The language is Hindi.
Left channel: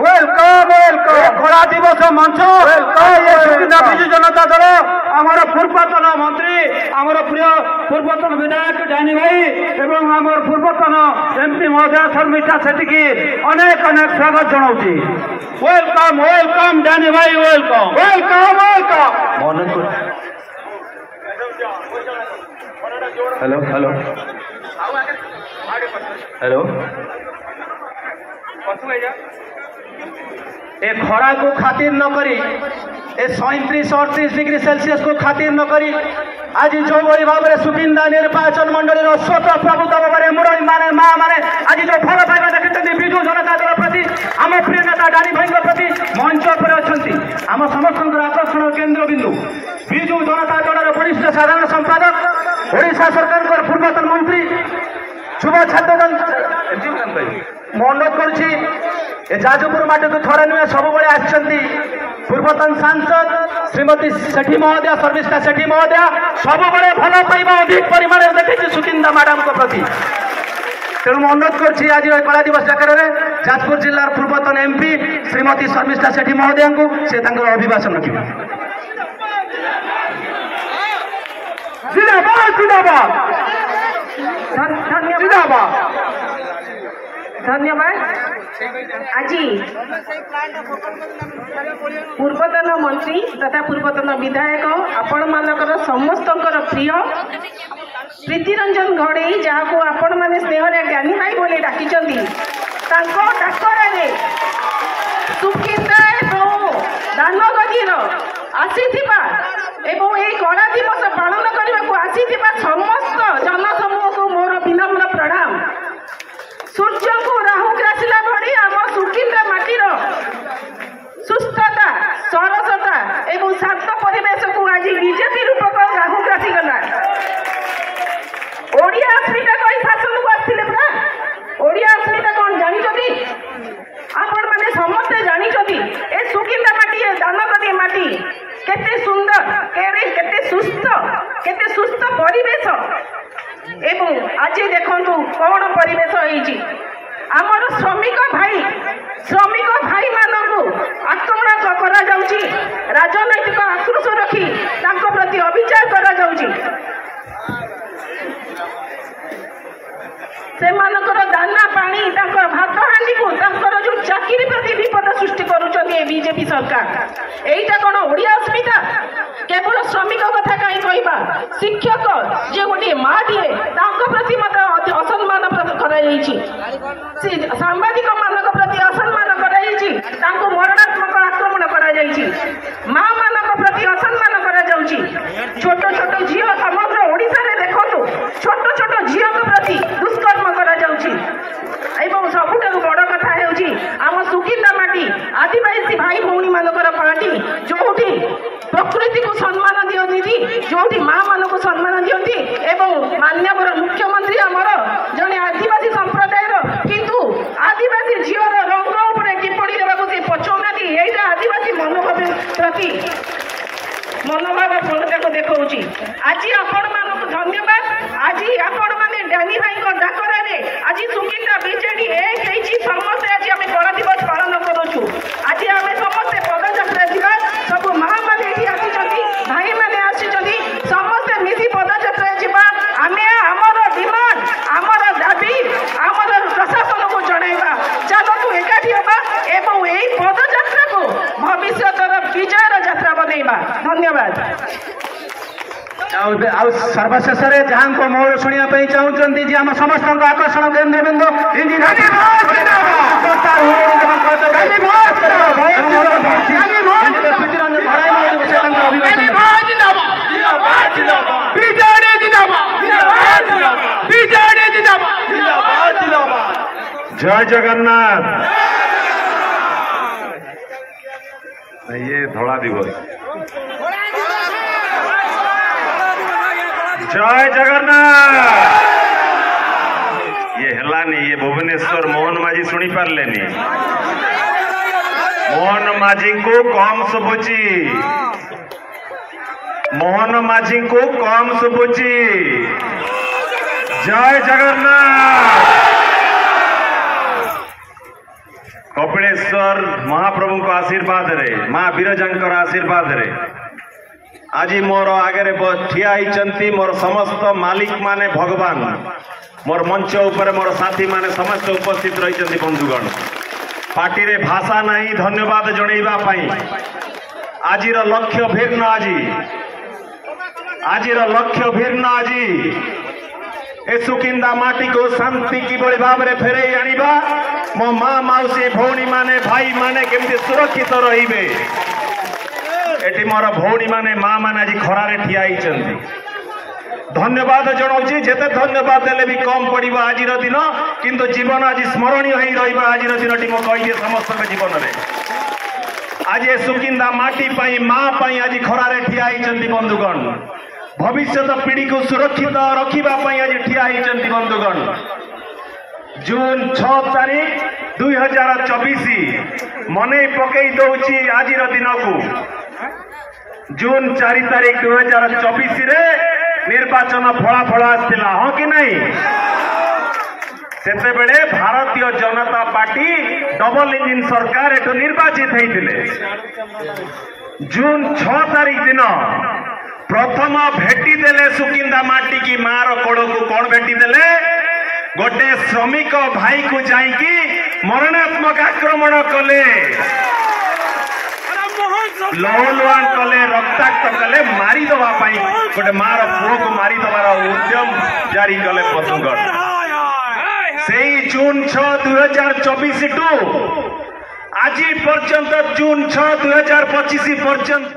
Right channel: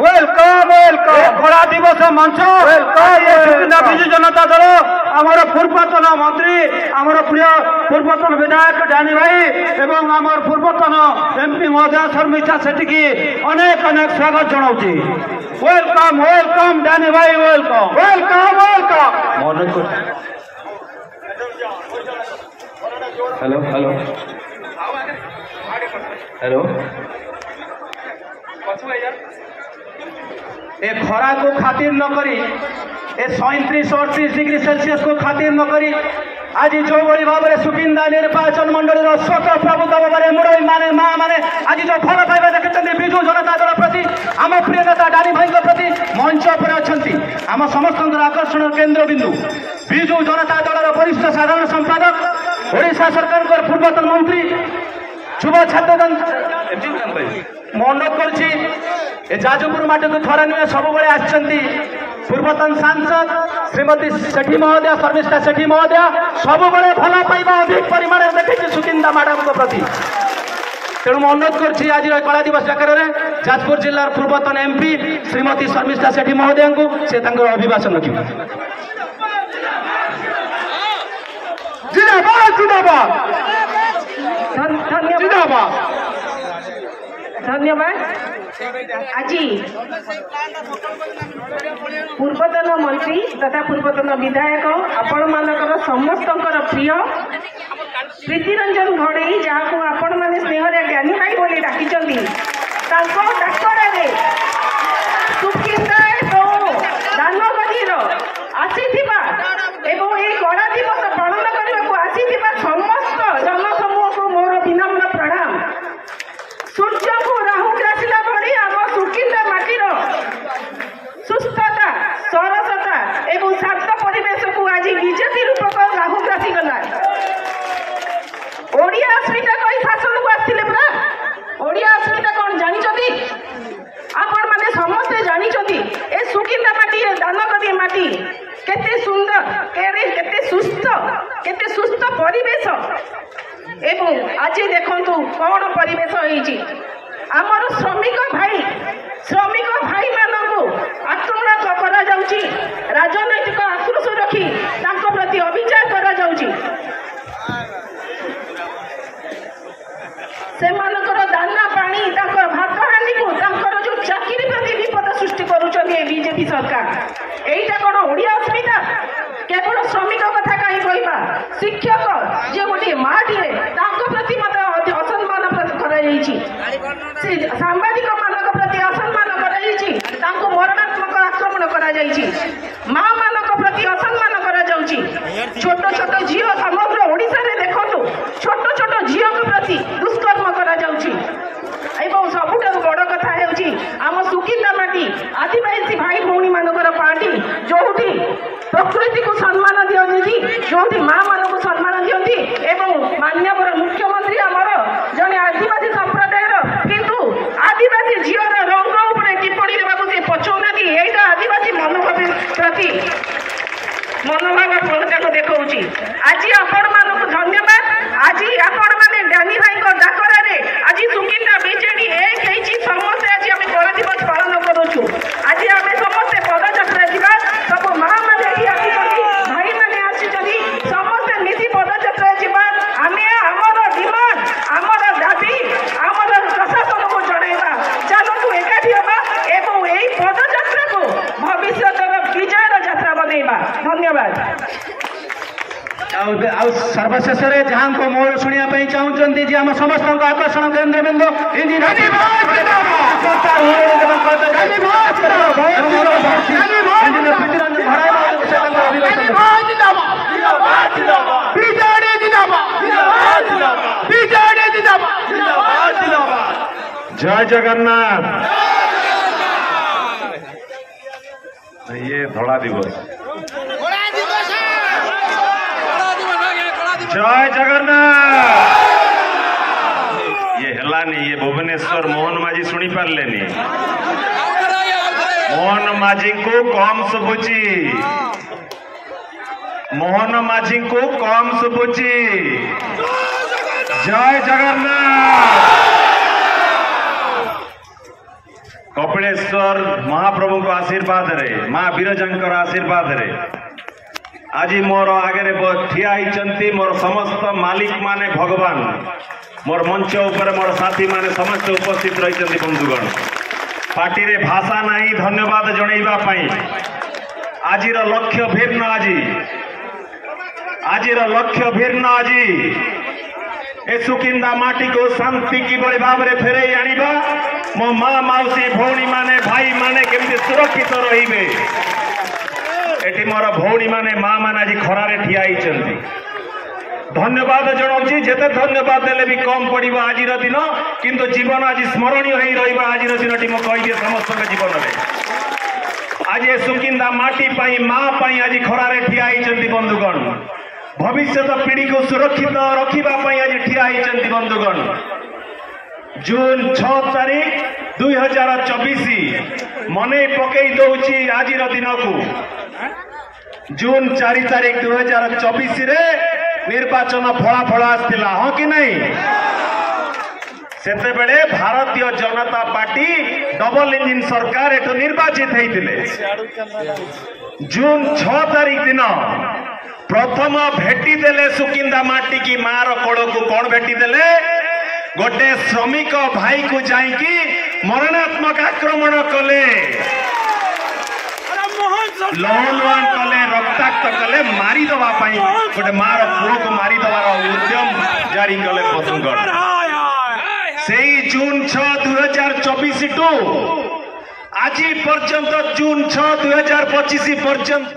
वेलकम वेलकम खड़ा दिवस मंच विजु जनता दल आमर पूर्वतन मंत्री आमर प्रिय पूर्वतन विधायक डानी भाई एवं आमर पूर्वतन एमपी महोदय शर्मिष्ठा सेठी की अनेक अनेक स्वागत जनाऊँगी। वेलकम वेलकम डानी भाई welcome welcome welcome. Hello hello hello ए खरा को खातिर न करी ए 37-38 डिग्री सेल्सियस को खातिर न करी आज जो भाई भाव में सुकिंदा निर्वाचन मंडली स्वत प्रभुत्व भाव मुरई माने माँ माने आज जो फल पाइबा देखते विजु जनता दल प्रति आम प्रिय नेता डानी भाई प्रति मंच पर अच्छा आम समस्त आकर्षण केन्द्र बिंदु विजु जनता दल वरिष्ठ साधारण संपादक ओडिशा सरकार पूर्वतन मंत्री युवा छात्र मन कर जाजपुर माटी को थरे नुहे सब पूर्वतन सांसद श्रीमती सेठी महोदय शर्मिष्ठा सेठी महोदय सब भल पाइबा अधिक परिमाण देखी सुकिंदा मैडम को प्रति तेणु अनुरोध कर आज कला दिवस डाकर जाजपुर जिलार पूर्वतन एमपी श्रीमती शर्मिष्ठा सेठी महोदय को से अभिभाषण रखिए। जिंदाबाद जिंदाबाद धन्यवाद। आज पूर्वतन मंत्री तथा पूर्वतन विधायक आपण मानकर समस्त प्रिय प्रीतिरंजन घड़ई जहाँ आपण मैंने स्नेह ज्ञानी भाई बोली डाकी डाक्तर सुकिंदा दानगदीर आसीथिबा एवं ये कला दिवस पालन करने को आसीथिबा समस्त जनसमूह को मोर विनम्र प्रणाम। सूर्य को राहु ग्रासिला भली आम सुकिंदा माटीर सुस्थता सरसता एवं शांत परिवेश को आज बीजेपी रूपक राहु ग्रासी गला। ओडिया अस्मिता कई शासन को आसते पूरा ओडिया अस्मिता कौन जानी आपण माने समस्ते जानी ए सुकिंदा माटी दानगदी माटी केते सुंदर केते सुस्थ परिवेश एवं आज देखंतु कौन परिवेश होईची आमर श्रमिक भाई मानकु आक्रमण करा जाउची राजनैतिक आक्रोश रखी तांको प्रति अभिचार करा जाउची से मानकर दाना पानी तांकर भात हांडी को तांकर जो चाकरी प्रति विपद सृष्टि करूछनी बीजेपी सरकार एटा कोन ओडिया अस्मिता केवल श्रमिक कथा कहीं कहबा शिक्षक जे गोटे माटीए तांको प्रति मत असम्मान कराइछि सांबादिक मानक प्रति असम्मान कराइछि तांको मरणात्मक आक्रमण करा जाइछि माँ मानक प्रति असम्मान करा जाउछि छोट छोट झियो समग्र ओडिसा रे देखंतु छोट छोट झियो के प्रति दुष्कर्म करा जाउछि एवं सबुठारु बड़ कथा हेउछि आम सुकिंदा माटी आदिवासी भाई भौणी मानकर पार्टी जोठी प्रकृति को सम्मान दियंती जोठी माँ मान को सम्मान दियंती एवं माननीय मुख्यमंत्री आमर जने आदिवासी संप्रदाय किंतु आदिवासी झीवर रंग उपरे टिप्पणी देवाक से पछुनाती एटा आदिवासी मनोभाव प्रति मनोभाव प्रत्येक देखौछि। आज आपण मानक धन्यवाद। आज आपण माने डानी भाई को डाकरा रे आज सुकिंदा बीजेडी एक हेछि समस्त आज हम कला दिवस पालन करूछु। आज हम समस्त पदयात्रा दिबा सब माँ माने एठी आसी भाई माने आसी समस्त मिसी पदयात्रा दिबा आमे हमर डिमांड हमर दाबी हमर प्रशासन को जणाइबा चलतु एकाठी हेबा एवं एई पदयात्रा को भविष्यतर विजयर यात्रा बनैबा। धन्यवाद। सर्वशेष जहाँ को मोर शुणा चाहते जी आम समस्त आकर्षण केन्द्र बिंदु जय जगन्नाथ। ये धड़ा दिवस जय जगन्नाथ। ये हेलानी ये भुवनेश्वर मोहन माझी शुणी पार्लेनी मोहन माझी को कम शुभुची मोहन माझी को कम शुभुची। जय जगन्नाथ। कपिलेश्वर महाप्रभु को आशीर्वाद रे माँ विरजांकर आशीर्वाद रे आज मोर आगे ठिया होती मोर समस्त मालिक माने भगवान मोर मंच ऊपर मोर साथी माने समस्त उपस्थित रही बंधुगण पार्टी रे भाषा नहीं धन्यवाद जनइबा पई आजिर लक्ष्य भिन्न आजिर लक्ष्य भिन्न आज ए सुकिंदा माटी को शांति किभली भाव में फेरे आनिबा मो माँ मौसी भौणी माने भाई माने केमती सुरक्षित रहिबे एटी मोर भौणी माने माँ माने आज खरारे ठिया होइछन्ती धन्यवाद जनाऊँगी जेते धन्यवाद देले भी कम पड़िबा आजिर दिन किंतु जीवन आज स्मरणीय होई रहिबा आजिर दिनटी मो कहि दिए समस्त जीवन में आज ए सुकिंदा माटी पाई माँ पाई आज खरारे ठिया होइछन्ती बंधुगण भविष्य पीढ़ी को सुरक्षित रखिबा पाई आज ठिया होइछन्ती बंधुगण जून 6 तारीख 2024 मने पकई दउची आजिर दिन को जून 4 तारीख 2024 रे निर्वाचन फलाफल आसला हाँ कि नहीं सेते बेले Bharatiya Janata party double engine सरकार एठो निर्वाचित होते जून 6 तारीख दिन प्रथम भेटी देले सुकिंदा माटी की मार कोड़ को कौन भेटी देले गोटे श्रमिक भाई को जाइकी मरणात्मक आक्रमण कले लहलुआन कले रक्ताक्त कले मारी दवा पाई गोटे मार पुओ को मारी दवार उद्यम जारी कले बंधुगण से जून 6 2024 टू आज पर्यंत जून 6 2025 पर्यंत